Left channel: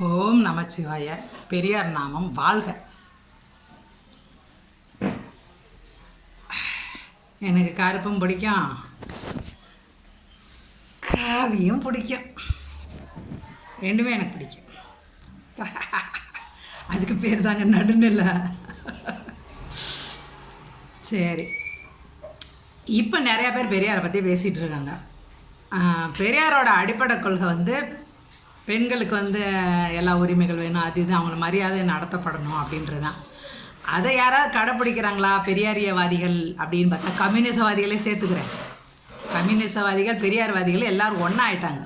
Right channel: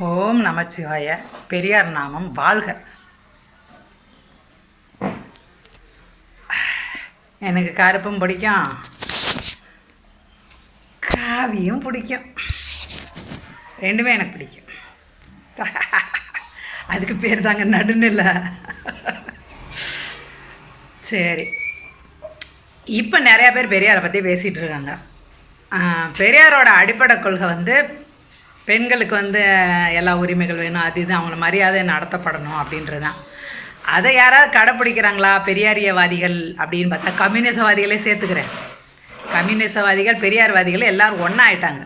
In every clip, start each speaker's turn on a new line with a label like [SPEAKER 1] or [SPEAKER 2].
[SPEAKER 1] ஓம் நமச்சிவாய. பெரியார் நாமம் வாழ்க. எனக்கு கருப்பும் பிடிக்கும். காவியும் பிடிக்கும். ரெண்டுமே எனக்கு பிடிக்கும். அதுக்கு பேர் தாங்க நடுநிலை. சரி. இப்போ நிறையா பேர் பெரியாரை பற்றி பேசிகிட்டு இருக்காங்க. பெரியாரோட அடிப்படை கொள்கை வந்து பெண்களுக்கு வந்து எல்லா உரிமைகள் வேணும். அது இது அவங்கள மரியாதை நடத்தப்படணும் அப்படின்றது தான் அதை யாராவது கடைப்பிடிக்கிறாங்களா? பெரியாரியவாதிகள் அப்படின்னு பார்த்தா கம்யூனிசவாதிகளே சேர்த்துக்கிறேன். கம்யூனிசவாதிகள் பெரியார்வாதிகள் எல்லாரும் ஒன்றா ஆயிட்டாங்க.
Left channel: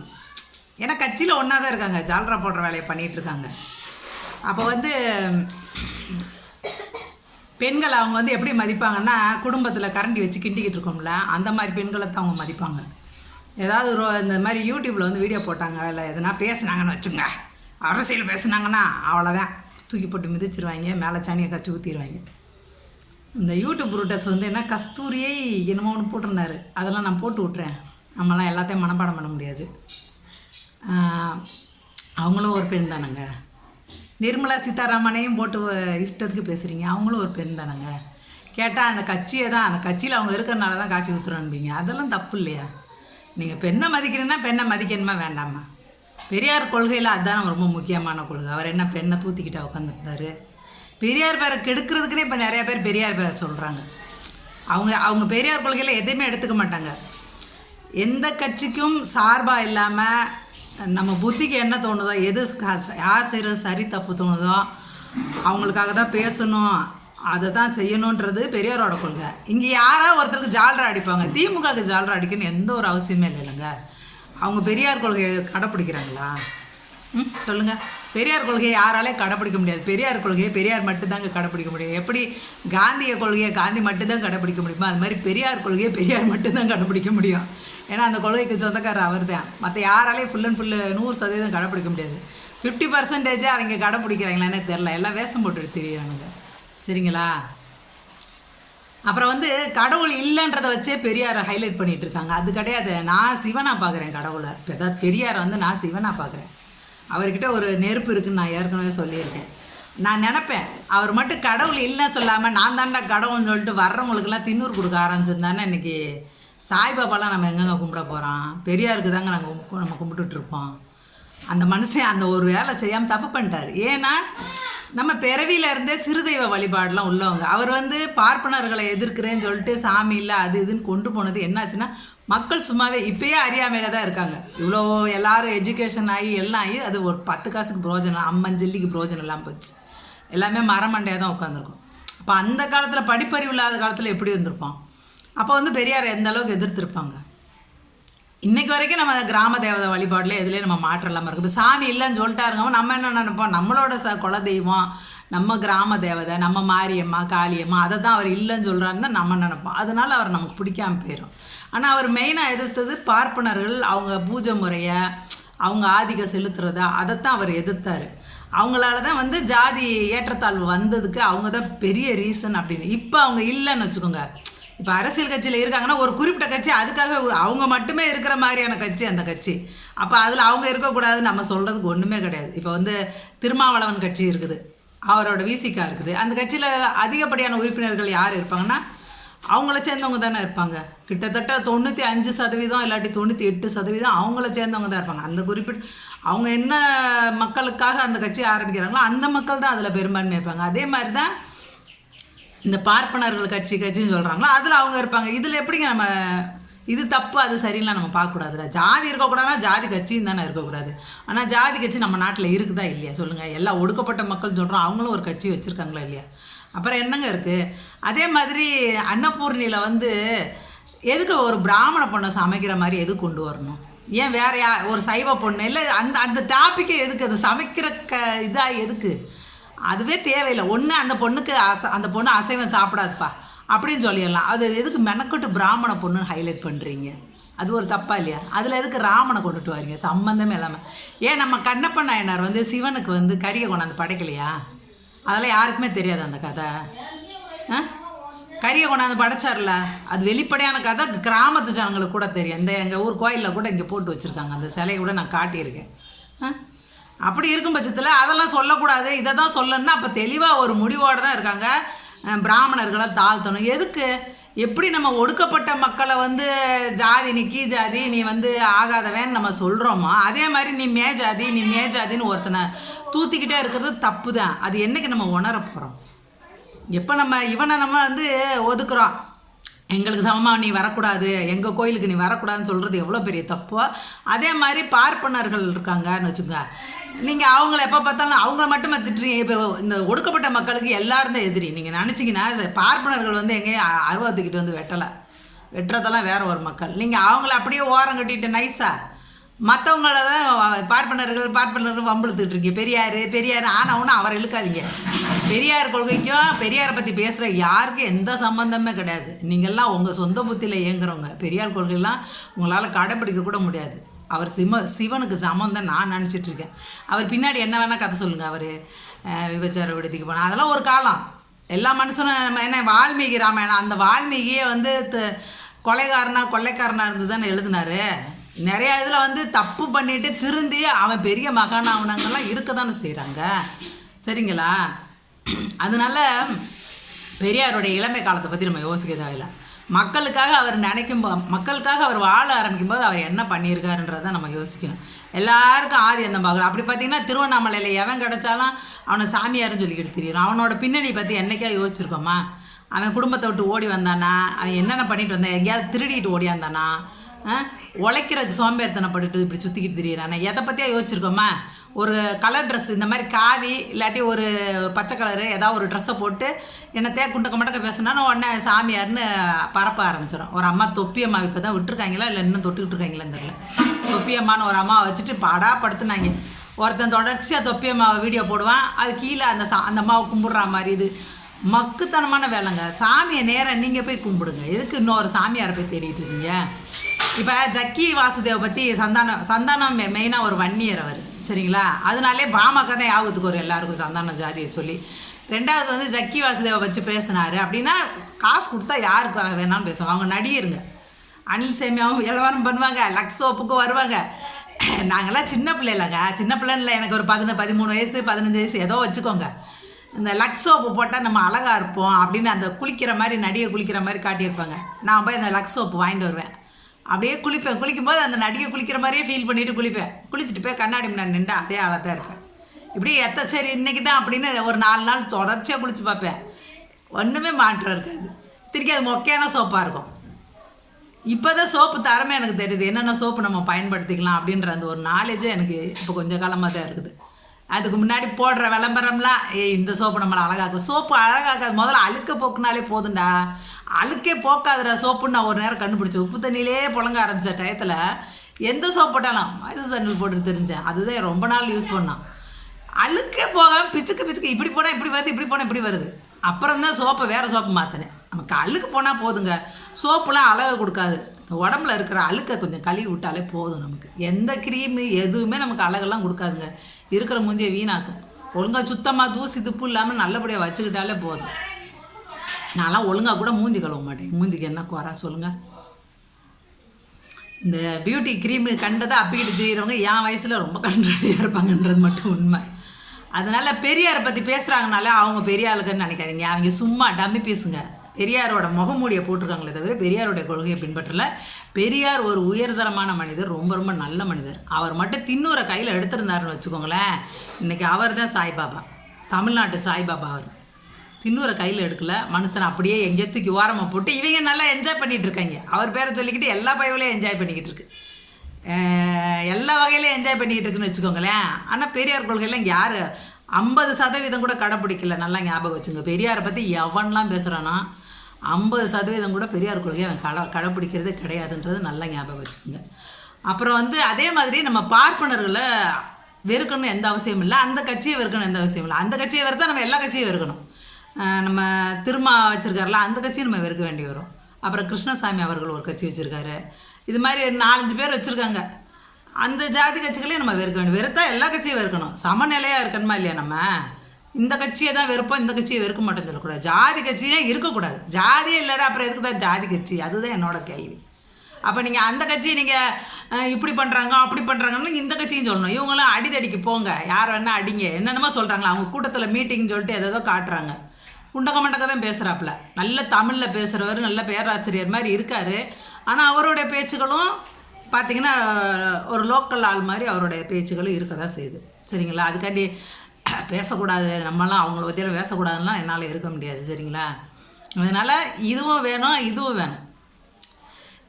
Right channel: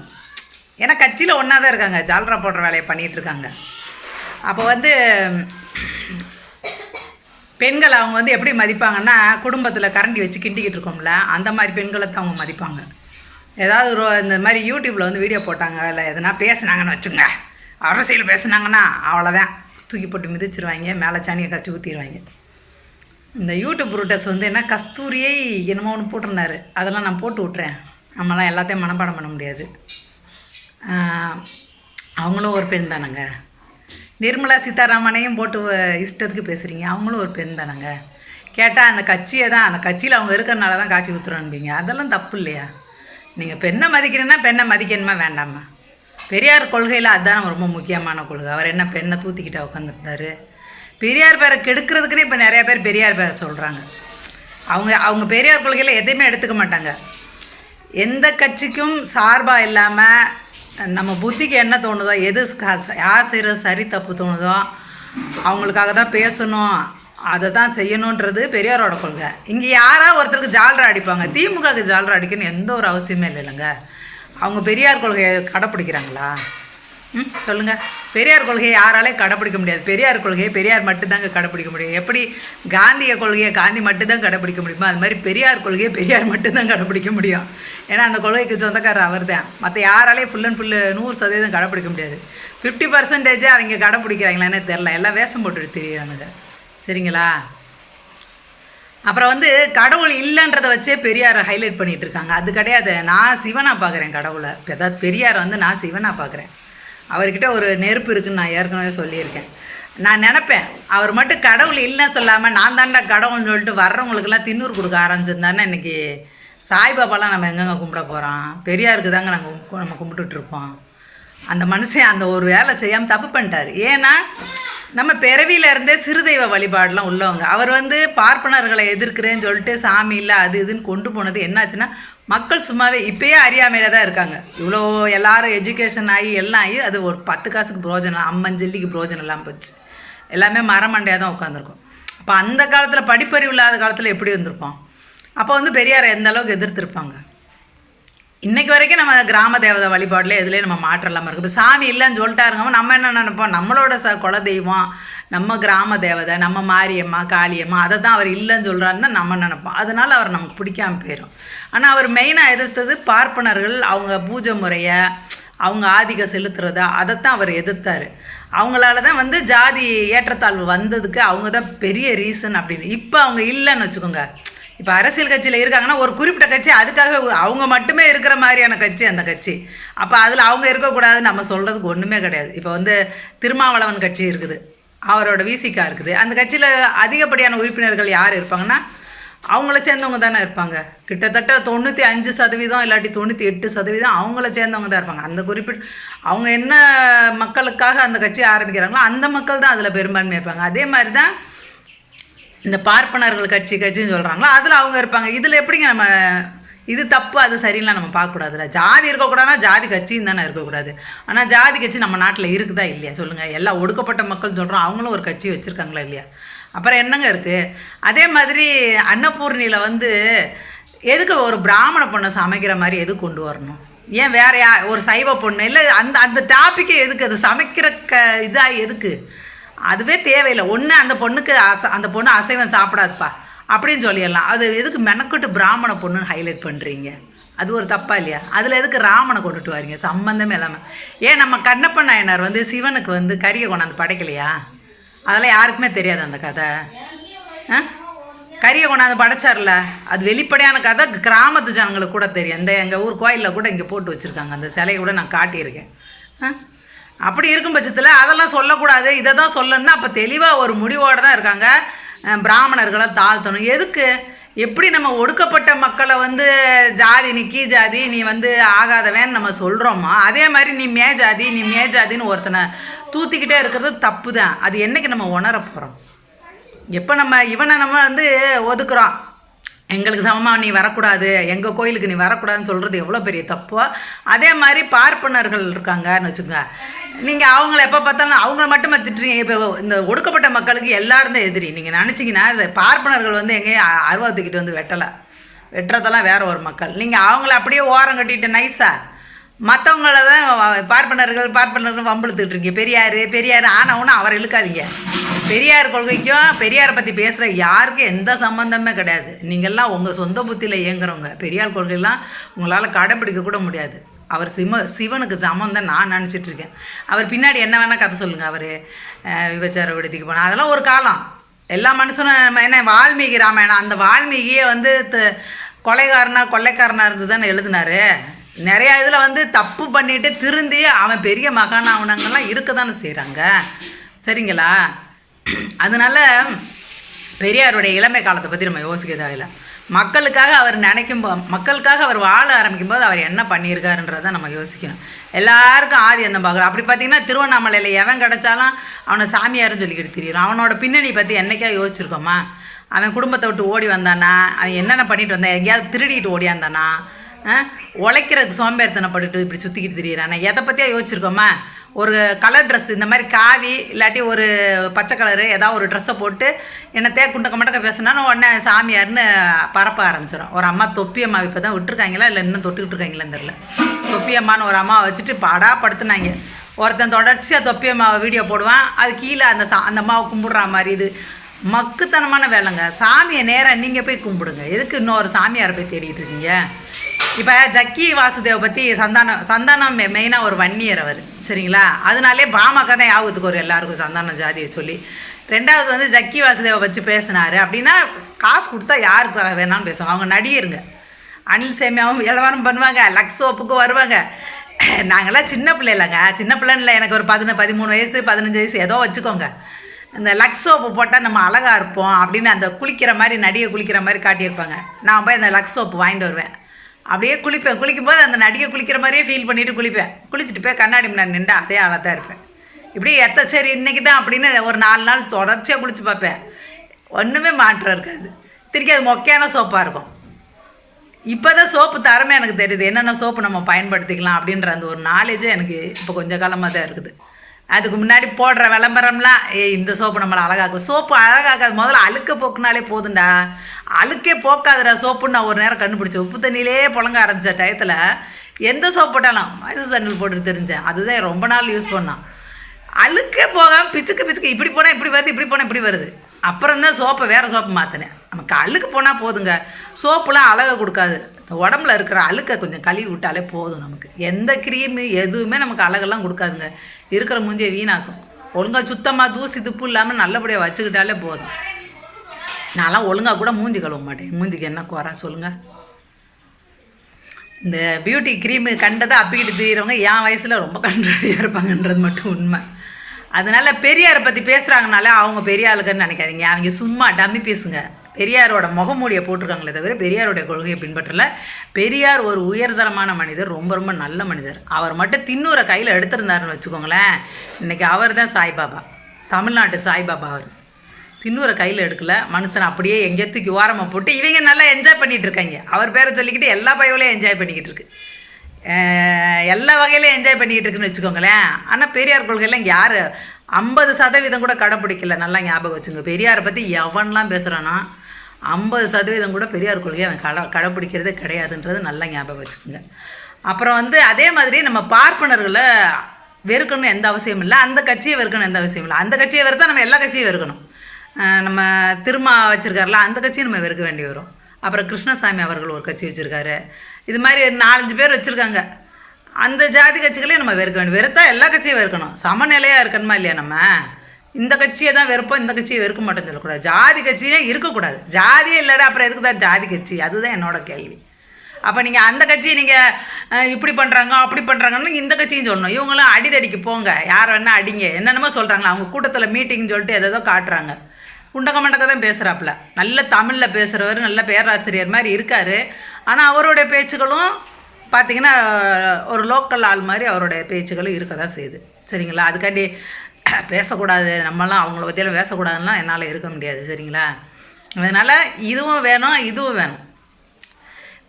[SPEAKER 1] ஏன்னா கட்சியில் ஒன்றா தான் இருக்காங்க. ஜால்ரா போடுற வேலையை பண்ணிகிட்ருக்காங்க அப்போ வந்து பெண்கள் அவங்க வந்து எப்படி மதிப்பாங்கன்னா குடும்பத்தில் கரண்டி வச்சு கிண்டிக்கிட்டு இருக்கோம்ல அந்த மாதிரி பெண்களை தான் அவங்க மதிப்பாங்க. ஏதாவது ஒரு இந்த மாதிரி யூடியூப்பில் வந்து வீடியோ போட்டாங்க இல்லை எதனா பேசுனாங்கன்னு வச்சுங்க அரசியல் பேசுனாங்கன்னா அவ்வளோதான் தூக்கி போட்டு மிதிச்சிருவாங்க மேலே சாணியை கச்சி ஊற்றிடுவாங்க இந்த யூடியூப் ரூட்டர்ஸ் வந்து என்ன கஸ்தூரியை என்னமோ ஒன்று போட்டிருந்தாரு. அதெல்லாம் நான் போட்டு விட்றேன் நம்மலாம் எல்லாத்தையும் மனப்பாடம் பண்ண முடியாது. அவங்களும் ஒரு பெண் தானங்க. நிர்மலா சீதாராமனையும் போட்டு இஷ்டத்துக்கு பேசுகிறீங்க அவங்களும் ஒரு பெண் தானங்க. கேட்டால் அந்த கட்சியை தான் அந்த கட்சியில் அவங்க இருக்கிறனால தான் காட்சி ஊற்றுறோன்பீங்க அதெல்லாம் தப்பு இல்லையா? நீங்கள் பெண்ணை மதிக்கிறீங்கன்னா பெண்ணை மதிக்கணுமா வேண்டாமா? பெரியார் கொள்கையில் அதுதான் ரொம்ப முக்கியமான கொள்கை. அவர் என்ன பெண்ணை தூத்திக்கிட்ட உட்காந்துருந்தார் பெரியார் பேரை கெடுக்கிறதுக்குன்னே இப்போ நிறையா பேர் பெரியார் பேரை சொல்கிறாங்க அவங்க அவங்க பெரியார் கொள்கையில் எதையுமே எடுத்துக்க மாட்டாங்க. எந்த கட்சிக்கும் சார்பாக இல்லாமல் நம்ம புத்திக்கு என்ன தோணுதோ எது யார் செய்கிறது சரி தப்பு தோணுதோ அவங்களுக்காக தான் பேசணும். அதை தான் செய்யணுன்றது பெரியாரோட கொள்கை. இங்கே யாராவது ஒருத்தருக்கு ஜால்ரா அடிப்பாங்க திமுகவுக்கு ஜால்ரா அடிக்கணும்னு எந்த ஒரு அவசியமே இல்லைங்க. அவங்க பெரியார் கொள்கையை கடைப்பிடிக்கிறாங்களா? ம் சொல்லுங்கள் பெரியார் கொள்கையை யாராலையும் கடைப்பிடிக்க முடியாது. பெரியார் கொள்கையை பெரியார் மட்டும்தாங்க கடைப்பிடிக்க முடியும். எப்படி காந்திய கொள்கையை காந்தி மட்டும்தான் கடைப்பிடிக்க முடியுமோ அது மாதிரி பெரியார் கொள்கையை பெரியார் மட்டும்தான் கடைப்பிடிக்க முடியும். ஏன்னா அந்த கொள்கைக்கு சொந்தக்காரர் அவர் தான் மற்ற யாராலையும் ஃபுல் அண்ட் ஃபுல்லு நூறு சதவீதம் கடைப்பிடிக்க முடியாது. ஃபிஃப்டி பர்சன்டேஜாக அவங்க கடைப்பிடிக்கிறாங்களான்னு தெரில எல்லாம் வேஷம் போட்டுட்டு தெரியுறானுங்க. சரிங்களா? அப்புறம் வந்து கடவுள் இல்லைன்றத வச்சே பெரியாரை ஹைலைட் பண்ணிகிட்டு இருக்காங்க. அது கிடையாது. நான் சிவனாக பார்க்குறேன் கடவுளை. அதாவது பெரியாரை வந்து நான் சிவனாக பார்க்குறேன் அவர்கிட்ட ஒரு நெருப்பு இருக்குன்னு நான் ஏற்கனவே சொல்லியிருக்கேன். நான் நினப்பேன் அவர் மட்டும் கடவுள் இல்லைன்னு சொல்லாமல் நான் தாண்டா கடவுள்னு சொல்லிட்டு வர்றவங்களுக்கெல்லாம் தின்னூர் கொடுக்க ஆரம்பிச்சிருந்தானே இன்றைக்கி சாய்பாபாலாம் நம்ம எங்கெங்கே கும்பிட போகிறோம் பெரியாருக்கு தாங்க நாங்கள் நம்ம கும்பிட்டுட்ருப்போம் அந்த மனுஷன் அந்த ஒரு வேலை செய்யாமல் தப்பு பண்ணிட்டார். ஏன்னா நம்ம பிறவியில இருந்தே சிறுதெய்வ வழிபாடெலாம் உள்ளவங்க. அவர் வந்து பார்ப்பனர்களை எதிர்க்கிறேன்னு சொல்லிட்டு சாமி இல்லை அது இதுன்னு கொண்டு போனது என்னாச்சுன்னா மக்கள் சும்மாவே இப்பயே அறியாமையில தான் இருக்காங்க. இவ்வளோ எல்லாரும் எஜுகேஷன் ஆகி எல்லாம் ஆகி அது ஒரு பத்து காசுக்கு புரோஜனம் அம்மன் புரோஜனம் எல்லாம் போச்சு. எல்லாமே மரமண்டையாக தான் உட்காந்துருக்கும் அப்போ அந்த காலத்தில் படிப்பறிவு இல்லாத காலத்தில் எப்படி வந்திருப்போம் அப்போ வந்து பெரியார் எந்த அளவுக்கு எதிர்த்திருப்பாங்க? இன்றைக்கி வரைக்கும் நம்ம கிராம தேவதை வழிபாட்டில் எதுலேயும் நம்ம மாற்றம் இல்லாமல் இருக்குது இப்போ சாமி இல்லைன்னு சொல்லிட்டா இருக்கோம் நம்ம என்ன நினைப்போம்? நம்மளோட ச குல தெய்வம் நம்ம கிராம தேவதை நம்ம மாரியம்மா காளியம்மா அதை தான் அவர் இல்லைன்னு சொல்கிறாருன்னு தான் நம்ம நினைப்போம். அதனால் அவர் நமக்கு பிடிக்காம போயிடும் ஆனால் அவர் மெயினாக எதிர்த்தது பார்ப்பனர்கள் அவங்க பூஜை முறையை அவங்க ஆதிக்கம் செலுத்துறதா அதைத்தான் அவர் எதிர்த்தார். அவங்களால தான் வந்து ஜாதி ஏற்றத்தாழ்வு வந்ததுக்கு அவங்க தான் பெரிய ரீசன் அப்படின்னு. இப்போ அவங்க இல்லைன்னு வச்சுக்கோங்க. இப்போ அரசியல் கட்சியில் இருக்காங்கன்னா ஒரு குறிப்பிட்ட கட்சி அதுக்காக அவங்க மட்டுமே இருக்கிற மாதிரியான கட்சி அந்த கட்சி. அப்போ அதில் அவங்க இருக்கக்கூடாதுன்னு நம்ம சொல்கிறதுக்கு ஒன்றுமே கிடையாது. இப்போ வந்து திருமாவளவன் கட்சி இருக்குது அவரோட விசிக்கா இருக்குது. அந்த கட்சியில் அதிகப்படியான உறுப்பினர்கள் யார் இருப்பாங்கன்னா அவங்கள சேர்ந்தவங்க தானே இருப்பாங்க. கிட்டத்தட்ட தொண்ணூற்றி அஞ்சு சதவீதம் இல்லாட்டி தொண்ணூற்றி எட்டு சதவீதம் அவங்கள சேர்ந்தவங்க தான் இருப்பாங்க. அந்த குறிப்பிட்ட அவங்க என்ன மக்களுக்காக அந்த கட்சி ஆரம்பிக்கிறாங்களோ அந்த மக்கள் தான் அதில் பெரும்பான்மை இருப்பாங்க. அதே மாதிரி தான் இந்த பார்ப்பனர்கள் கட்சி கட்சின்னு சொல்கிறாங்களோ அதில் அவங்க இருப்பாங்க. இதில் எப்படிங்க நம்ம இது தப்பு அது சரியில்லாம் நம்ம பார்க்கக்கூடாதுல ஜாதி இருக்கக்கூடாதுன்னா ஜாதி கட்சியும் தானே இருக்கக்கூடாது. ஆனால் ஜாதி கட்சி நம்ம நாட்டில் இருக்குதா இல்லையா? சொல்லுங்கள் எல்லா ஒடுக்கப்பட்ட மக்கள்னு சொல்கிறோம் அவங்களும் ஒரு கட்சி வச்சுருக்காங்களா இல்லையா? அப்புறம் என்னங்க இருக்குது அதே மாதிரி அன்னபூர்ணியில் வந்து எதுக்கு ஒரு பிராமண பொண்ணை சமைக்கிற மாதிரி எது கொண்டு வரணும்? ஏன் வேறு யா ஒரு சைவ பொண்ணு? இல்லை அந்த அந்த டாப்பிக்கே எதுக்கு? அது சமைக்கிற க இதாக எதுக்கு? அதுவே தேவையில்லை. ஒன்று அந்த பொண்ணுக்கு அசை அந்த பொண்ணு அசைவம் சாப்பிடாதுப்பா. அப்படின்னு சொல்லிடலாம். அது எதுக்கு மெனக்கட்டு பிராமண பொண்ணுன்னு ஹைலைட் பண்ணுறீங்க அது ஒரு தப்பா இல்லையா? அதில் எதுக்கு ராமனை கொண்டுட்டு வரீங்க? சம்மந்தமே இல்லாமல் ஏன் நம்ம கண்ணப்ப நாயனார் வந்து சிவனுக்கு வந்து கரியை கொண்டாந்து படைக்கலையா? அதெல்லாம் யாருக்குமே தெரியாது அந்த கதை. ஆ? கரியை கொண்டாந்து படைச்சார்ல? அது வெளிப்படையான கதை. கிராமத்து ஜனங்களுக்கு கூட தெரியும். இந்த எங்கள் ஊர் கோயிலில் கூட இங்கே போட்டு வச்சுருக்காங்க. அந்த சிலையை கூட நான் காட்டியிருக்கேன். ஆ? அப்படி இருக்கும் பட்சத்தில் அதெல்லாம் சொல்லக்கூடாது. இதை தான் சொல்லணும்னா அப்போ தெளிவாக ஒரு முடிவோடு தான் இருக்காங்க. பிராமணர்களை தாழ்த்தணும். எதுக்கு? எப்படி நம்ம ஒடுக்கப்பட்ட மக்களை வந்து ஜாதி நீ கீ ஜாதி நீ வந்து ஆகாதவன் நம்ம சொல்கிறோமோ அதே மாதிரி நீ மே ஜாதி நீ மே ஜாதின்னு ஒருத்தனை தூத்திக்கிட்டே இருக்கிறது தப்பு தான் அது என்னைக்கு நம்ம உணர போகிறோம் எப்போ நம்ம இவனை நம்ம வந்து ஒதுக்குறோம்? எங்களுக்கு சமமாக நீ வரக்கூடாது. எங்கள் கோயிலுக்கு நீ வரக்கூடாதுன்னு சொல்கிறது எவ்வளோ பெரிய தப்போ? அதே மாதிரி பார்ப்பனர்கள் இருக்காங்கன்னு வச்சுக்கோங்க. நீங்கள் அவங்கள எப்போ பார்த்தாலும் அவங்கள மட்டுமே திட்டுறீங்க. இப்போ இந்த ஒடுக்கப்பட்ட மக்களுக்கு எல்லாரும் தான் எதிரி. நீங்கள் நினச்சிங்கன்னா பார்ப்பனர்கள் வந்து எங்கேயும் அருவாத்துக்கிட்டு வந்து வெட்டலை. வெட்டுறதெல்லாம் வேற ஒரு மக்கள். நீங்கள் அவங்கள அப்படியே ஓரம் கட்டிட்டு நைஸாக மற்றவங்கள தான் பார்ப்பனர்கள் பார்ப்பனர்கள் வம்பிழுத்துட்டு இருக்கீங்க. பெரியார் பெரியார் ஆனவுன்னு அவரை இழுக்காதீங்க. பெரியார் கொள்கைக்கும் பெரியாரை பற்றி பேசுகிற யாருக்கும் எந்த சம்மந்தமே கிடையாது. நீங்கள்லாம் உங்கள் சொந்த புத்தியில் இயங்குறவங்க. பெரியார் கொள்கையெல்லாம் உங்களால் கடைப்பிடிக்க கூட முடியாது. அவர் சிம சிவனுக்கு சமம் தான் நான் நினச்சிட்டு இருக்கேன். அவர் பின்னாடி என்ன வேணால் கதை சொல்லுங்கள் அவர். விபச்சார விடுதிக்கு போனால் அதெல்லாம் ஒரு காலம். எல்லா மனுஷனும் நம்ம என்ன வால்மீகி ராமாயணம். அந்த வால்மீகியே வந்து த- கொலைகாரனா கொள்ளைக்காரனாக இருந்து தானே எழுதினாரு. நிறையா இதில் வந்து தப்பு பண்ணிட்டு திருந்தி அவன் பெரிய மகானாவனங்கள்லாம் இருக்க தானே செய்கிறாங்க சரிங்களா? அதனால பெரியாருடைய இளமை காலத்தை பற்றி நம்ம யோசிக்க தேவையில்ல மக்களுக்காக அவர் நினைக்கும் போ மக்களுக்காக அவர் வாழ ஆரம்பிக்கும் போது அவர் என்ன பண்ணியிருக்காருன்றதை நம்ம யோசிக்கணும். எல்லாருக்கும் ஆதி அந்த பார்க்குறோம் அப்படி பார்த்தீங்கன்னா திருவண்ணாமலையில் எவன் கிடைச்சாலும் அவனை சாமியாருன்னு சொல்லிக்கிட்டு தெரியும் அவனோட பின்னணி பற்றி என்னைக்கா யோசிச்சிருக்கோமா? அவன் குடும்பத்தை விட்டு ஓடி வந்தானா? அவன் என்னென்ன பண்ணிட்டு வந்தான்? எங்கேயாவது திருடிட்டு ஓடியாந்தானா? ஆ? உழைக்கிறதுக்கு சோம்பேறித்தனப்பட்டுட்டு இப்படி சுற்றிக்கிட்டு திரியிறானே? எதை பற்றியா யோசிச்சிருக்கோமா? ஒரு கலர் ட்ரெஸ் இந்த மாதிரி காவி இல்லாட்டி ஒரு பச்சை கலரு ஏதாவது ஒரு ட்ரெஸ்ஸை போட்டு என்ன குண்டக்க மட்டக்க பேசினாலும் உடனே சாமியார்னு பரப்ப ஆரம்பிச்சிடும் ஒரு அம்மா தொப்பி அம்மா இப்போ தான் விட்டுருக்காங்களா? இல்லை இன்னும் தொட்டுக்கிட்டு இருக்காங்களான்னு தெரில தொப்பி அம்மான்னு ஒரு அம்மாவை வச்சுட்டு பாடா படுத்துனாங்க. ஒருத்தன் தொடர்ச்சியாக தொப்பி அம்மாவை வீடியோ போடுவான். அது கீழே அந்த சா அந்த அம்மாவை கும்பிடுற மாதிரி இது. மக்குத்தனமான வேலைங்க. சாமியை நேராக நீங்கள் போய் கும்பிடுங்க. எதுக்கு இன்னொரு சாமியாரை போய் தேடிக்கிட்டு இருக்கீங்க? இப்போ ஜக்கி வாசுதேவ் பற்றி சந்தானம் சந்தானம் மெயினாக ஒரு வன்னியர் அவர் சரிங்களா? அதனாலே பாமக தான் யாபத்துக்கு ஒரு எல்லாருக்கும் சந்தானம் ஜாதியை சொல்லி. ரெண்டாவது வந்து ஜக்கி வாசுதேவை வச்சு பேசினார். அப்படின்னா காசு கொடுத்தா யாருக்கு வேணாம்னு பேசுவாங்க. அவங்க நடிகருங்க. அனில் சேமியாவும் வியாபாரம் பண்ணுவாங்க. லக்ஸ் சோப்புக்கு வருவாங்க. நாங்களாம் சின்ன பிள்ளைலங்க சின்ன பிள்ளைன்னு எனக்கு ஒரு பதின பதிமூணு வயசு பதினஞ்சு வயசு ஏதோ வச்சுக்கோங்க. இந்த லக்ஸ் சோப்பு போட்டால் நம்ம அழகாக இருப்போம் அப்படின்னு அந்த குளிக்கிற மாதிரி நடிகை குளிக்கிற மாதிரி காட்டியிருப்பாங்க. நான் போய் அந்த லக்ஸ் சோப்பு வாங்கிட்டு வருவேன். அப்படியே குளிப்பேன். குளிக்கும்போது அந்த நடிகை குளிக்கிற மாதிரியே ஃபீல் பண்ணிவிட்டு குளிப்பேன். குளிச்சுட்டு போய் கண்ணாடி முன்னாடி நின்று அதே ஆளாக தான் இருப்பேன். இப்படி எத்த சரி இன்னைக்கு தான் அப்படின்னு ஒரு நாலு நாள் தொடர்ச்சியாக குளிச்சு பார்ப்பேன். ஒன்றுமே மாற்றம் இருக்காது. திருப்பி அது மொக்கையான சோப்பாக இருக்கும். இப்போ தான் சோப்பு தரமே எனக்கு தெரியுது. என்னென்ன சோப்பு நம்ம பயன்படுத்திக்கலாம் அப்படின்ற அந்த ஒரு நாலேஜே எனக்கு இப்போ கொஞ்சம் காலமாக தான் இருக்குது. அதுக்கு முன்னாடி போடுற விளம்பரம்லாம் ஏ இந்த சோப்பு நம்மளை அழகாக்கும் சோப்பு அழகாக்காது முதல்ல அழுக்க போக்குனாலே போதும்டா. அழுக்கே போக்காதுடா சோப்புன்னு நான் ஒரு நேரம் கண்டுபிடிச்சேன். உப்பு தண்ணியிலே புழங்க ஆரம்பித்த டயத்தில் எந்த சோப்பு போட்டாலும் மைசூர் சாண்டல் போட்டு தெரிஞ்சேன். அதுதான் ரொம்ப நாள் யூஸ் பண்ணான் அழுக்கே போகாமல் பிச்சுக்கு பிச்சுக்கு இப்படி போனால் இப்படி வருது இப்படி போனால் இப்படி வருது. அப்புறம் தான் சோப்பை வேறு சோப்பு மாற்றினேன் நமக்கு அழுக்கு போனால் போதுங்க. சோப்புலாம் அழகை கொடுக்காது. உடம்புல இருக்கிற அழுக்கை கொஞ்சம் கழுவி விட்டாலே போதும் நமக்கு. எந்த க்ரீமு எதுவுமே நமக்கு அழகெல்லாம் கொடுக்காதுங்க. இருக்கிற மூஞ்சியை வீணாக்கும். ஒழுங்காக சுத்தமாக தூசி துப்பு இல்லாமல் நல்லபடியாக வச்சுக்கிட்டாலே போதும். நான்லாம் ஒழுங்காக கூட மூஞ்சி கழுவ மாட்டேன். மூஞ்சிக்கு என்ன குறை சொல்லுங்கள் இந்த பியூட்டி க்ரீமு கண்டதை அப்பிக்கிட்டு திரியிறவங்க என் வயசில் ரொம்ப கண்டுபிடியாக இருப்பாங்கன்றது மட்டும் உண்மை. அதனால பெரியாரை பற்றி பேசுகிறாங்கனால அவங்க பெரிய ஆளுக்குன்னு நினைக்காதீங்க. அவங்க சும்மா டம்மி பேசுங்க பெரியாரோட முகமூடியை போட்டிருக்காங்களே தவிர பெரியாரோடைய கொள்கையை பின்பற்றல. பெரியார் ஒரு உயர்தரமான மனிதர் ரொம்ப ரொம்ப நல்ல மனிதர். அவர் மட்டும் தின்னூரை கையில் எடுத்திருந்தாருன்னு வச்சுக்கோங்களேன். இன்றைக்கி அவர் தான் சாய்பாபா. தமிழ்நாட்டு சாய்பாபா அவர். தின்னூரை கையில் எடுக்கல. மனுஷன் அப்படியே எங்கே தூக்கி ஓரமாக போட்டு இவங்க நல்லா என்ஜாய் பண்ணிகிட்டு இருக்காங்க. அவர் பேரை சொல்லிக்கிட்டு எல்லா பயவுலையும் என்ஜாய் பண்ணிக்கிட்டு இருக்கு. எல்லா வகையிலையும் என்ஜாய் பண்ணிக்கிட்டு இருக்குன்னு வச்சுக்கோங்களேன். ஆனால் பெரியார் கொள்கையெல்லாம் யார் ஐம்பது சதவீதம் கூட கடைப்பிடிக்கல. நல்லா ஞாபகம் வச்சுங்க. பெரியாரை பற்றி எவன்லாம் பேசுகிறான்னா ஐம்பது சதவீதம் கூட பெரியார் கொள்கையை அவன் கடை கடைப்பிடிக்கிறதே கிடையாதுன்றது நல்லா ஞாபகம் வச்சுக்கோங்க. அப்புறம் வந்து அதே மாதிரி நம்ம பார்ப்பனர்களை வெறுக்கணும்னு எந்த அவசியம் இல்லை. அந்த கட்சியை வெறுக்கணும் எந்த அவசியம் இல்லை. அந்த கட்சியை வெறுத்தா நம்ம எல்லா கட்சியும் வெறுக்கணும். நம்ம திருமா வச்சுருக்காருல அந்த கட்சியும் நம்ம வெறுக்க வேண்டி வரும். அப்புறம் கிருஷ்ணசாமி அவர்கள் ஒரு கட்சி வச்சுருக்காரு. இது மாதிரி நாலஞ்சு பேர் வச்சுருக்காங்க. அந்த ஜாதி கட்சிகளையும் நம்ம வெறுக்க வேண்டும். வெறுத்தா எல்லா கட்சியும் வெறுக்கணும். சமநிலையாக இருக்கணுமா இல்லையா நம்ம? இந்த கட்சியை தான் வெறுப்போம் இந்த கட்சியை வெறுக்க மாட்டோம்னு சொல்லக்கூடாது. ஜாதி கட்சியே இருக்கக்கூடாது. ஜாதியே இல்லைடா அப்புறம் எதுக்கு தான் ஜாதி கட்சி? அதுதான் என்னோடய கேள்வி. அப்போ நீங்கள் அந்த கட்சி நீங்கள் இப்படி பண்ணுறாங்க அப்படி பண்ணுறாங்கன்னு இந்த கட்சியும் சொல்லணும். இவங்களாம் அடிதடிக்கு போங்க. யார் வேணால் அடிங்க. என்னென்னமோ சொல்கிறாங்க அவங்க கூட்டத்தில் மீட்டிங்னு சொல்லிட்டு எதோ காட்டுறாங்க. குண்டக மண்டக்க தான் பேசுகிறாப்புல நல்ல தமிழில் பேசுகிறவர் நல்ல பேராசிரியர் மாதிரி இருக்கார். ஆனால் அவருடைய பேச்சுகளும் பார்த்தீங்கன்னா ஒரு லோக்கல் ஆள் மாதிரி அவருடைய பேச்சுகளும் இருக்க தான் செய்யுது. சரிங்களா? அதுக்காண்டி பேசக்கூடாது. நம்மலாம் அவங்கள பற்றியெல்லாம் பேசக்கூடாதுன்னா என்னால் இருக்க முடியாது. சரிங்களா? அதனால் இதுவும் வேணும் இதுவும் வேணும்.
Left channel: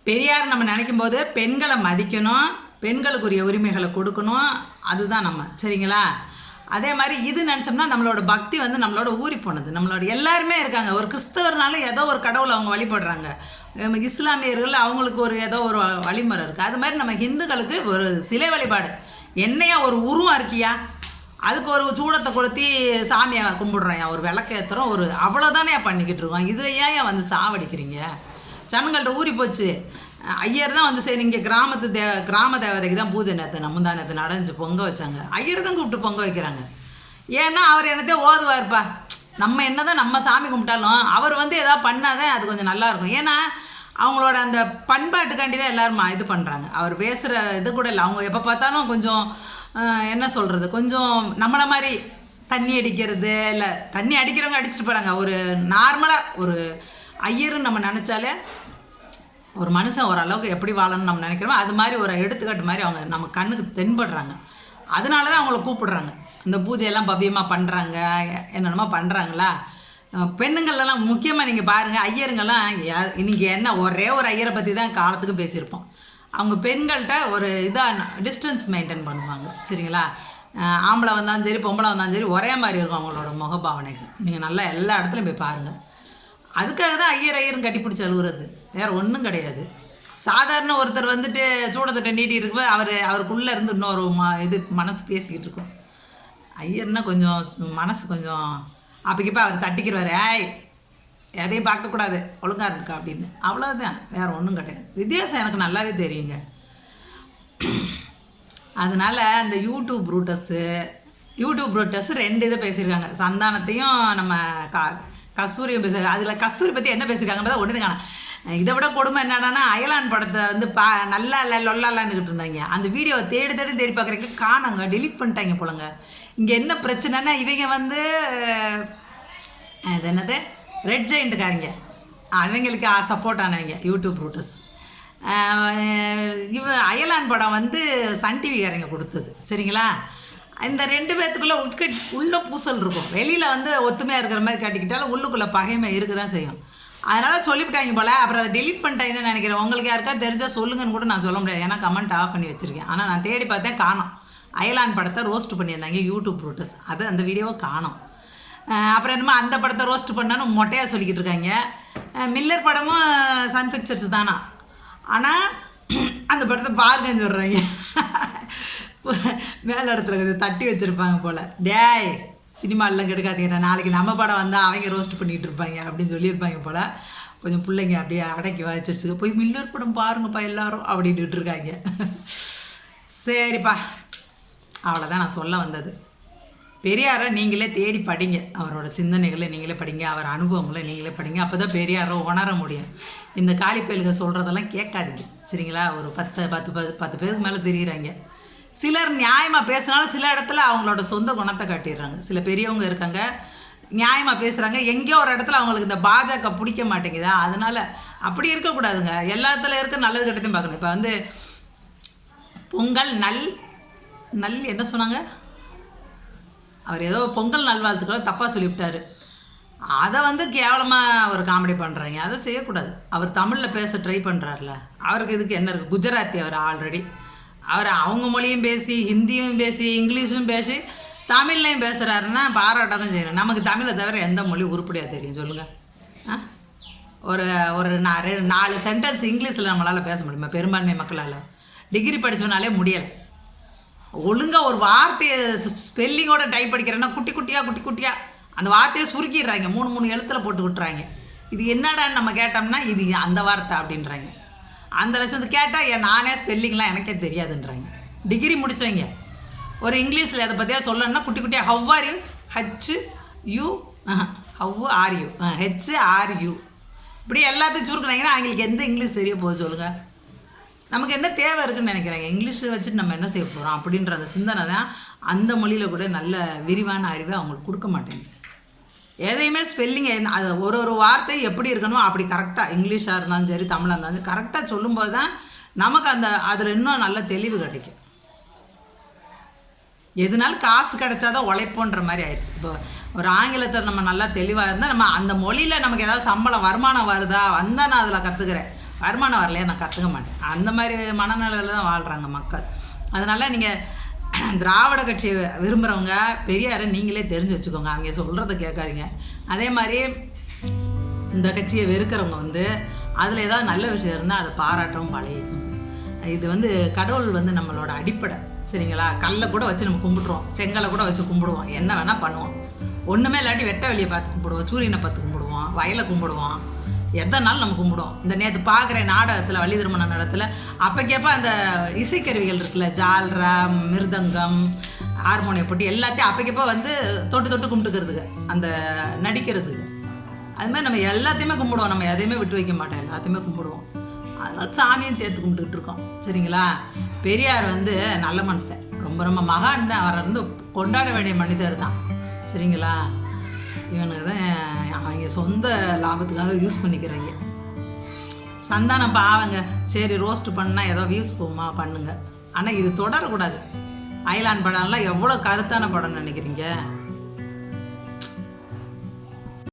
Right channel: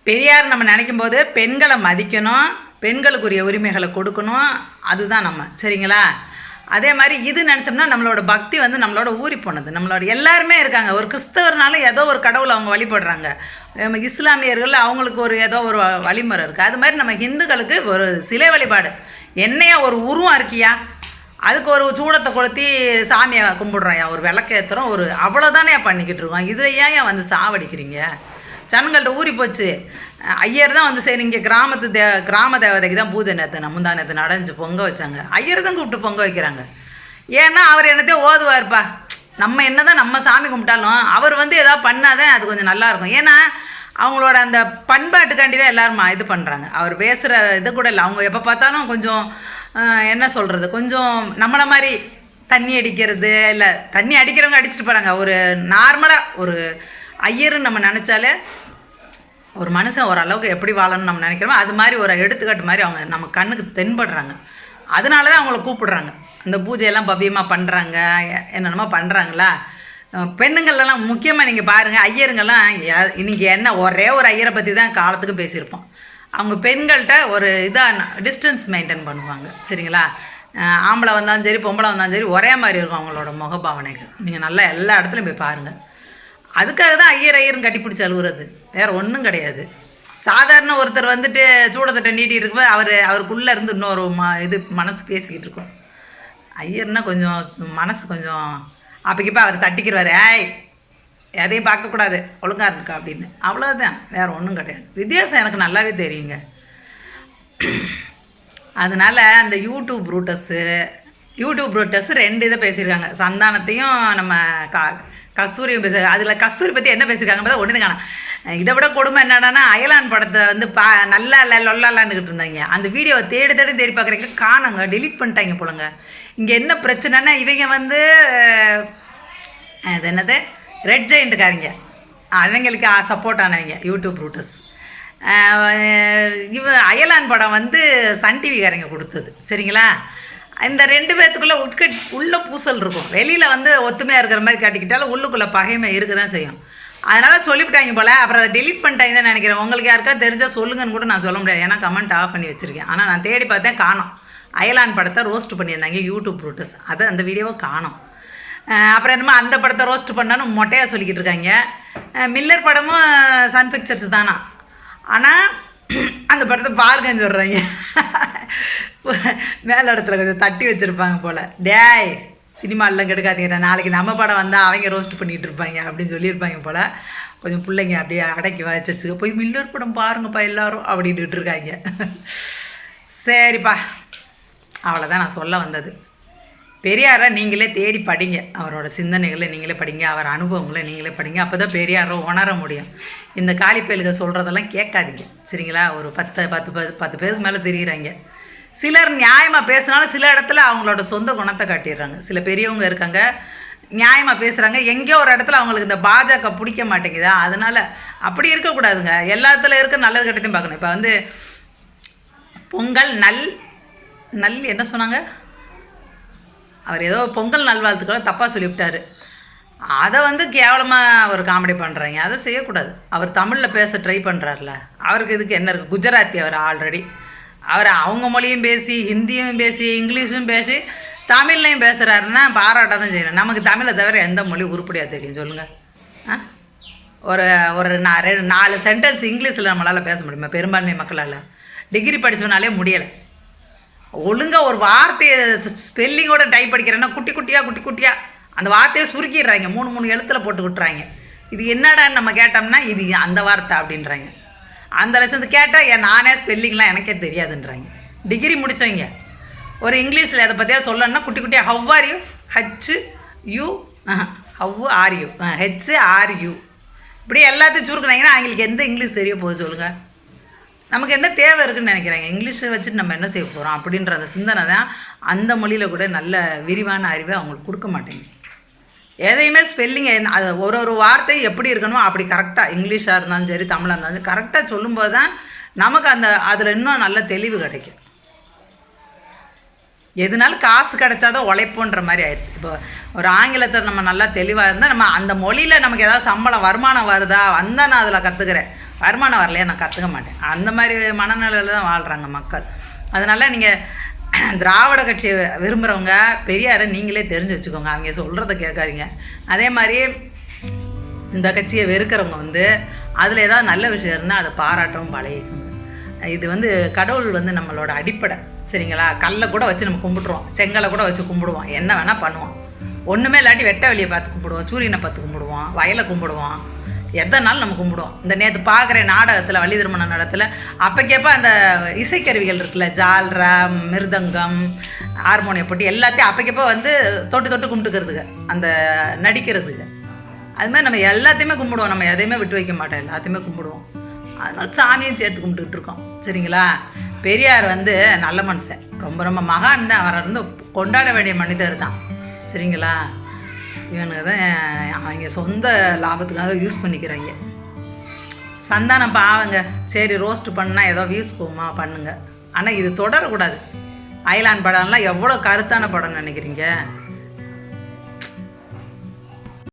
[SPEAKER 1] பெரியார் நம்ம நினைக்கும் போது பெண்களை மதிக்கணும் பெண்களுக்குரிய உரிமைகளை கொடுக்கணும். அதுதான் நம்ம. சரிங்களா? அதே மாதிரி இது நினச்சோம்னா நம்மளோட பக்தி வந்து நம்மளோட ஊறி போனது. நம்மளோட எல்லாருமே இருக்காங்க. ஒரு கிறிஸ்தவர்னாலும் ஏதோ ஒரு கடவுளை அவங்க வழிபடுறாங்க. நம்ம இஸ்லாமியர்கள் அவங்களுக்கு ஒரு ஏதோ ஒரு வழிமுறை இருக்குது அது மாதிரி நம்ம ஹிந்துக்களுக்கு ஒரு சிலை வழிபாடு. என்னையா ஒரு உருவம் இருக்கியா? அதுக்கு ஒரு சூடத்தை கொளுத்தி சாமியை கும்பிடுறோம்யா ஒரு விளக்கேற்றுறோம் ஒரு அவ்வளோதானே பண்ணிக்கிட்டு இருக்கோம். இதில் ஏன் ஏன் வந்து சாவடிக்கிறீங்க? ஜனங்கள்கிட்ட ஊறி போச்சு. ஐயர் தான் வந்து சரி இங்கே கிராமத்து தே கிராம தேவதைக்கு தான் பூஜை நேற்று முந்தா நேற்று நடந்துச்சு பொங்க வச்சாங்க. ஐயர் தான் கூப்பிட்டு பொங்க வைக்கிறாங்க. ஏன்னா அவர் என்னத்தையும் ஓதுவார்ப்பா. நம்ம என்ன தான் நம்ம சாமி கும்பிட்டாலும் அவர் வந்து ஏதாவது பண்ணாதான் அது கொஞ்சம் நல்லாயிருக்கும் ஏன்னா அவங்களோட அந்த பண்பாட்டுக்காண்டி தான் எல்லோரும் இது பண்ணுறாங்க அவர் பேசுகிற இது கூட இல்லை. அவங்க எப்போ பார்த்தாலும் கொஞ்சம் என்ன சொல்கிறது கொஞ்சம் நம்மளை மாதிரி தண்ணி அடிக்கிறது இல்லை தண்ணி அடிக்கிறவங்க அடிச்சிட்டு போகிறாங்க ஒரு நார்மலாக ஒரு ஐயருன்னு நம்ம நினச்சாலே ஒரு மனுஷன் ஓரளவுக்கு எப்படி வாழணும்னு நம்ம நினைக்கிறோமோ அது மாதிரி ஒரு எடுத்துக்காட்டு மாதிரி அவங்க நம்ம கண்ணுக்கு தென்படுறாங்க. அதனால தான் அவங்கள கூப்பிடுறாங்க. இந்த பூஜையெல்லாம் பவ்யமாக பண்ணுறாங்க என்னென்னமோ பண்ணுறாங்களா பெண்ணுங்கள்லாம் முக்கியமாக நீங்கள் பாருங்கள் ஐயருங்கெல்லாம் இன்றைக்கி என்ன ஒரே ஒரு ஐயரை பற்றி தான் காலத்துக்கு பேசியிருப்போம். அவங்க பெண்கள்கிட்ட ஒரு இதாக டிஸ்டன்ஸ் மெயின்டைன் பண்ணுவாங்க. சரிங்களா? ஆம்பளை வந்தாலும் சரி பொம்பளை வந்தாலும் சரி ஒரே மாதிரி இருக்கும் அவங்களோட முகபாவனைக்கு நீங்கள் நல்லா எல்லா இடத்துலையும் போய் பாருங்கள் அதுக்காக தான் ஐயர் ஐயர்னு கட்டிப்பிடிச்சி அழுகுறது வேறு ஒன்றும் கிடையாது. சாதாரண ஒருத்தர் வந்துட்டு சூடத்தட்டை நீட்டி இருக்கும்போது அவர் அவருக்குள்ளே இருந்து இன்னொரு ம இது மனசு பேசிக்கிட்டு இருக்கும். ஐயர்னா கொஞ்சம் மனசு கொஞ்சம் அப்போக்கிப்போ அவர் தட்டிக்கிறாரு ஏய் எதையும் பார்க்கக்கூடாது. ஒழுங்காக இருந்துக்கா அப்படின்னு. அவ்வளோதான் வேறு ஒன்றும் கிடையாது. வித்தியாசம் எனக்கு நல்லாவே தெரியுங்க. அதனால் அந்த யூடியூப் ரூட்டஸு யூடியூப் ரூட்டஸ் ரெண்டு இதை பேசியிருக்காங்க. சந்தானத்தையும் நம்ம கா கஸ்தூரியும் பேச அதில் கஸ்தூரி பற்றி என்ன பேசியிருக்காங்க பார்த்தா ஒன்று காணும். இதை விட கொடுமை என்னடான்னா அயலான் படத்தை வந்து பா நல்லா இல்லை லொல்லாலான்னுக்கிட்டு இருந்தாங்க. அந்த வீடியோவை தேடி தேடி தேடி பார்க்குறீங்க காணாங்க. டெலீட் பண்ணிட்டாங்க போலங்க. இங்கே என்ன பிரச்சனைன்னா இவங்க வந்து அது என்னது? ரெட் ஜெயிண்ட்டுக்காரங்க அவங்களுக்கு சப்போர்ட் ஆனவங்க யூடியூப் ரூட்டர்ஸ் இவ அயலான் படம் வந்து சன் டிவிக்காரங்க கொடுத்தது. சரிங்களா? இந்த ரெண்டு பேர்த்துக்குள்ளே உட்க உள்ள பூசல் இருக்கும். வெளியில் வந்து ஒத்துமையாக இருக்கிற மாதிரி காட்டிக்கிட்டாலும் உள்ளுக்குள்ளே பகைமை இருக்க தான் செய்யும். அதனால் சொல்லிவிட்டாங்க போல் அப்புறம் அதை டெலிட் பண்ணிட்டாங்க தான் நினைக்கிறேன். உங்களுக்கு யாருக்கா தெரிஞ்சால் சொல்லுங்கன்னு கூட நான் சொல்ல முடியாது. ஏன்னா கமெண்ட் ஆஃப் பண்ணி வச்சுருக்கேன். ஆனால் நான் தேடி பார்த்தேன் காணோம். அயலான் படத்தை ரோஸ்ட் பண்ணியிருந்தாங்க யூடியூப் ரூட்டர்ஸ் அதை அந்த வீடியோவை காணோம். அப்புறம் என்னமோ அந்த படத்தை ரோஸ்ட் பண்ணான்னு மொட்டையாக சொல்லிக்கிட்டு இருக்காங்க. மில்லர் படமும் சன் பிக்சர்ஸ் தானா? ஆனால் அந்த படத்தை பாருங்கன்னு சொல்கிறாங்க மேல இடத்துல கொஞ்சம் தட்டி வச்சுருப்பாங்க போல். டேய் சினிமாலெலாம் கெடுக்காதீங்க நாளைக்கு நம்ம படம் வந்தால் அவங்க ரோஸ்ட் பண்ணிகிட்டு இருப்பாங்க அப்படின்னு சொல்லியிருப்பாங்க போல். கொஞ்சம் பிள்ளைங்க அப்படியே அடக்கி வச்சிருச்சுக்க போய் மில்லர் படம் பாருங்கப்பா எல்லோரும் அப்படின்ட்டு இருக்காங்க. சரிப்பா. அவ்வளோதான் நான் சொல்ல வந்தது. பெரியாரை நீங்களே தேடி படிங்க. அவரோட சிந்தனைகளை நீங்களே படிங்க. அவர் அனுபவங்களை நீங்களே படிங்க. அப்போ தான் பெரியாரை உணர முடியும். இந்த காலிப்பயலுக சொல்கிறதெல்லாம் கேட்காதீங்க. சரிங்களா? ஒரு பத்து பத்து பத்து பத்து பேருக்கு மேலே தெரிகிறாங்க சிலர் நியாயமாக பேசினாலும் சில இடத்துல அவங்களோட சொந்த குணத்தை காட்டிடுறாங்க. சில பெரியவங்க இருக்காங்க நியாயமாக பேசுகிறாங்க எங்கேயோ ஒரு இடத்துல அவங்களுக்கு இந்த பாஜக பிடிக்க மாட்டேங்குதா? அதனால் அப்படி இருக்கக்கூடாதுங்க. எல்லா இடத்துல இருக்க நல்லது கெட்டதையும் பார்க்கணும். இப்போ வந்து பொங்கல் நல் நல் என்ன சொன்னாங்க? அவர் ஏதோ பொங்கல் நல்வாழ்த்துக்களை தப்பாக சொல்லிவிட்டார். அதை வந்து கேவலமாக அவர் காமெடி பண்ணுறாங்க அதை செய்யக்கூடாது. அவர் தமிழில் பேச ட்ரை பண்ணுறாருல அவருக்கு இதுக்கு என்ன இருக்குது குஜராத்தி அவர் ஆல்ரெடி அவர் அவங்க மொழியும் பேசி ஹிந்தியும் பேசி இங்கிலீஷும் பேசி தமிழ்லையும் பேசுகிறாருன்னா பாராட்ட தான் செய்யணும் நமக்கு தமிழை தவிர எந்த மொழி உருப்படியாக தெரியும் சொல்லுங்கள் ஆ? ஒரு ஒரு நான் ரெண்டு நாலு சென்டென்ஸ் இங்கிலீஷில் நம்மளால் பேச முடியுமா? பெரும்பான்மை மக்களால். டிகிரி படிச்சவனாலே முடியலை. ஒழுங்காக ஒரு வார்த்தையை ஸ்பெல்லிங்கோட டைப் படிக்கிறேன்னா குட்டி குட்டியாக குட்டி குட்டியாக அந்த வார்த்தையை சுருக்கிடுறாங்க. மூணு மூணு எழுத்தில் போட்டு விட்டுறாங்க. இது என்னடான்னு நம்ம கேட்டோம்னா இது அந்த வார்த்தை அப்படின்றாங்க. அந்த லட்சத்து கேட்டால் ஏன் நானே ஸ்பெல்லிங்லாம் எனக்கே தெரியாதுன்றாங்க. டிகிரி முடித்தவங்க ஒரு இங்கிலீஷில் எதை பற்றியா சொல்லணும்னா குட்டி குட்டியாக how are you H U how are you H R U இப்படி எல்லாத்தையும் சுருக்குனாங்கன்னா அவங்களுக்கு எந்த இங்கிலீஷ் தெரிய போகுது சொல்லுங்கள் நமக்கு என்ன தேவை இருக்குன்னு நினைக்கிறாங்க? இங்கிலீஷை வச்சுட்டு நம்ம என்ன செய்ய போகிறோம் அப்படின்ற அந்த சிந்தனை தான் அந்த மொழியில் கூட நல்ல விரிவான அறிவை அவங்களுக்கு கொடுக்க மாட்டேங்குது. எதையுமே ஸ்பெல்லிங் அது ஒரு ஒரு வார்த்தை எப்படி இருக்கணும் அப்படி கரெக்டாக இங்கிலீஷாக இருந்தாலும் சரி தமிழாக இருந்தாலும் சரி கரெக்டாக சொல்லும்போது தான் நமக்கு அந்த அதில் இன்னும் நல்ல தெளிவு கிடைக்கும். எதுனாலும் காசு கிடைச்சாதான் உழைப்போன்ற மாதிரி ஆயிடுச்சு. இப்போ ஒரு ஆங்கிலத்தை நம்ம நல்லா தெளிவாக இருந்தால் நம்ம அந்த மொழியில் நமக்கு ஏதாவது சம்பளம் வருமானம் வருதா? வந்தால் நான் அதில் கற்றுக்கிறேன் வருமானம் வரலையா நான் கற்றுக்க மாட்டேன். அந்த மாதிரி மனநிலையில் தான் வாழ்கிறாங்க மக்கள். அதனால் நீங்கள் திராவிட கட்சி விரும்புகிறவங்க பெரியாரை நீங்களே தெரிஞ்சு வச்சுக்கோங்க. அவங்க சொல்கிறத கேட்காதீங்க. அதே மாதிரி இந்த கட்சியை வெறுக்கிறவங்க வந்து அதில் ஏதாவது நல்ல விஷயம் இருந்தால் அதை பாராட்டவும் பழகிக்கோங்க. இது வந்து கடவுள் வந்து நம்மளோட அடிப்படை. சரிங்களா? கல்லை கூட வச்சு நம்ம கும்பிட்ருவோம் செங்கலை கூட வச்சு கும்பிடுவோம். என்ன வேணால் பண்ணுவோம். ஒன்றுமே இல்லாட்டி வெட்ட வெளியை பார்த்து கும்பிடுவோம். சூரியனை பார்த்து கும்பிடுவோம். வயலை கும்பிடுவோம். எதனாலும் நம்ம கும்பிடுவோம்? இந்த நேற்று பார்க்குற நாடகத்தில் வள்ளி திருமண நடத்தில் அப்போக்கேப்ப அந்த இசைக்கருவிகள் இருக்குல்ல ஜால்ரா மிருதங்கம் ஹார்மோனியம் போட்டி எல்லாத்தையும் அப்போக்கேப்ப வந்து தொட்டு தொட்டு கும்பிட்டுக்கிறதுக்கு அந்த நடிக்கிறதுக்கு. அது மாதிரி நம்ம எல்லாத்தையுமே கும்பிடுவோம். நம்ம எதையுமே விட்டு வைக்க மாட்டோம். எல்லாத்தையுமே கும்பிடுவோம். அதனால சாமியும் சேர்த்து கும்பிட்டுக்கிட்டு இருக்கோம். சரிங்களா? பெரியார் வந்து நல்ல மனுஷன். ரொம்ப ரொம்ப மகான் தான். அவரை வந்து கொண்டாட வேண்டிய மனிதர் தான். சரிங்களா? இவனுங்க தான் அவங்க சொந்த லாபத்துக்காக யூஸ் பண்ணிக்கிறாங்க. சந்தானம் பாவங்க சரி ரோஸ்ட் பண்ணால் ஏதோ வியூஸ் போகுமா பண்ணுங்க. ஆனால் இது தொடரக்கூடாது. அயலான் படம்லாம் எவ்வளோ கருத்தான படம்னு நினைக்கிறீங்க?